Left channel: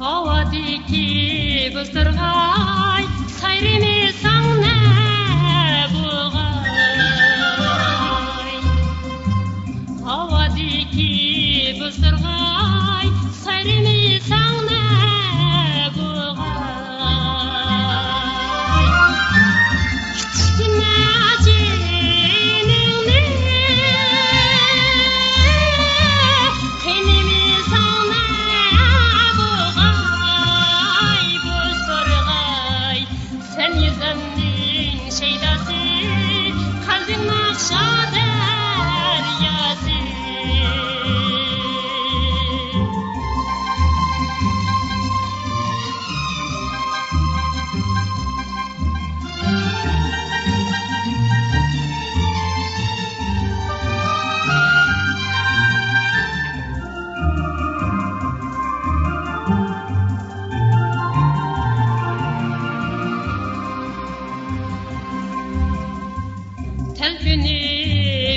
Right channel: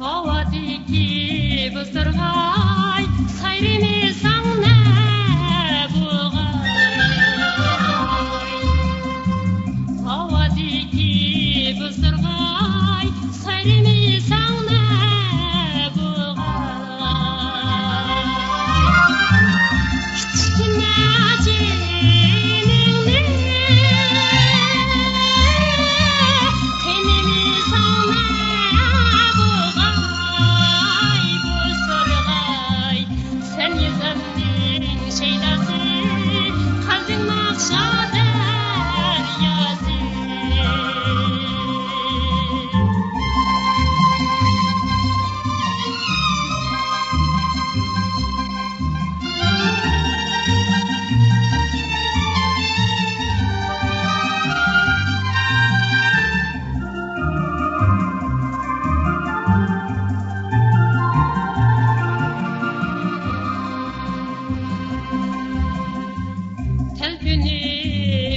Havadiki bızdırgay, hayrini sanne bulgay. Havadiki bızdırgay, hayrini sanne bulgay. Nacinini, henini sanne bulgay. Sen yüzümün şeydası, kalbim akşa deryası. Telbini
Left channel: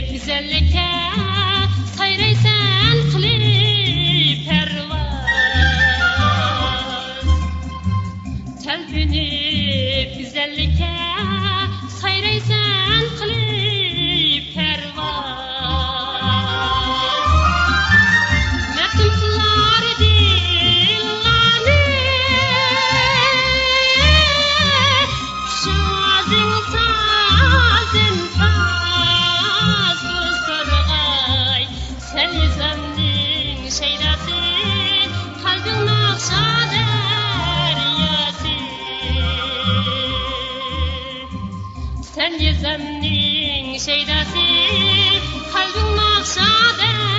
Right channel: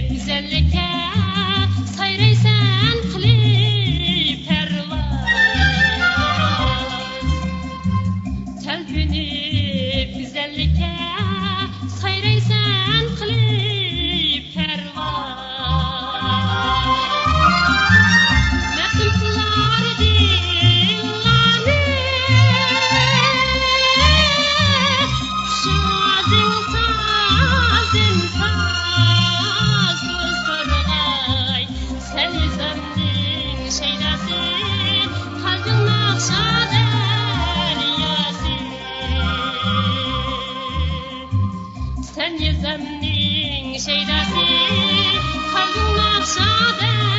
güzellikə sayraysan qılıb pərvaz. Telbini güzellikə sayraysan qılıb pərvaz. Məqsum qılar dillanı, şazın sazın saz bızdırgay. Sen yüzümün şeydası, kalbim akşa deryası. Sen yüzümün şeydası, kalbim akşa deryası.